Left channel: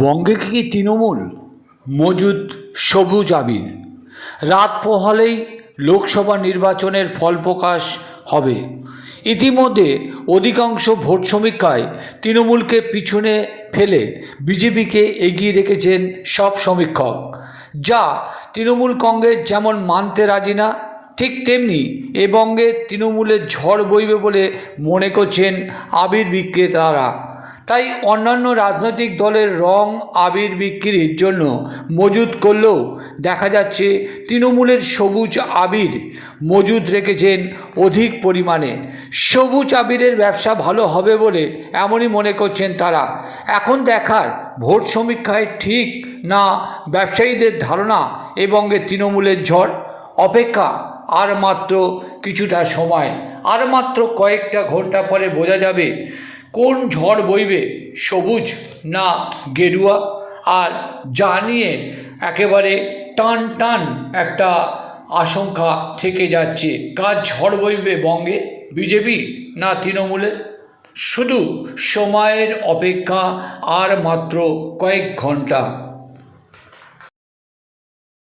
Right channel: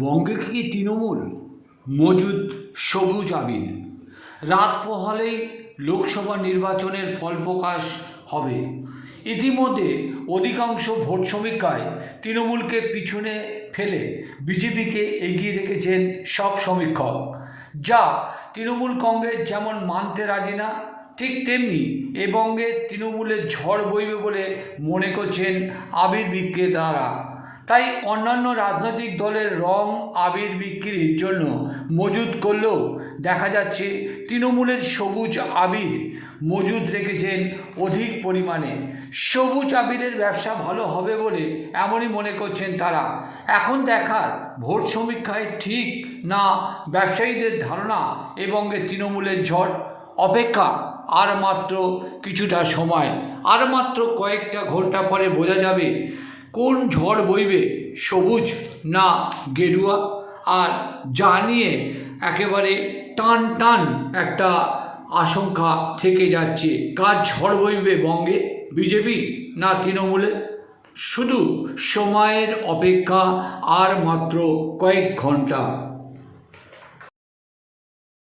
বঙ্গে কি তৃণমূল মজুদ সবুজ আবির? রাত পোহালেই লোকসভা নির্বাচনের ফল প্রকাশ হবে। ইতিমধ্যে অধিকাংশ ভোট সমীক্ষায় তৃণমূলকে পিছনে ফেলে বিজেপিকে এগিয়ে রেখেছেন সব সমীক্ষক, যা তৃণমূল কংগ্রেস যেমন মানতে রাজি না, ঠিক তেমনি এ বঙ্গে তৃণমূলের ঝড় বইবে বলে মনে করছেন আবির বিক্রেতারা। তাই অন্যান্য রাজনৈতিক দলের রং আবির বিক্রির জন্য মজুত করলেও দেখা যাচ্ছে তৃণমূলের সবুজ আবির মজুত রেখেছেন অধিক পরিমাণে। সবুজ আবিরের ব্যবসা ভালো হবে বলে এমনই মনে করছেন তারা। এখন দেখার ভোট সমীক্ষায় ঠিক না ব্যবসায়ীদের ধারণা এবং তৃণমূলের ঝড়। অপেক্ষা আর মাত্র কিছুটা সময়, আর মাত্র কয়েকটা ঘন্টা পরে বোঝা যাবে কোন ঝড় বইবে, সবুজ না গেরুয়া। আর যা নিয়ে একেবারে টান টান একটা আশঙ্কা থেকে যাচ্ছে, কার ঝড় বইবে বঙ্গে, বিজেপি না তৃণমূলের? শুধু সময়ের অপেক্ষা, আর মাত্র কয়েক ঘন্টা।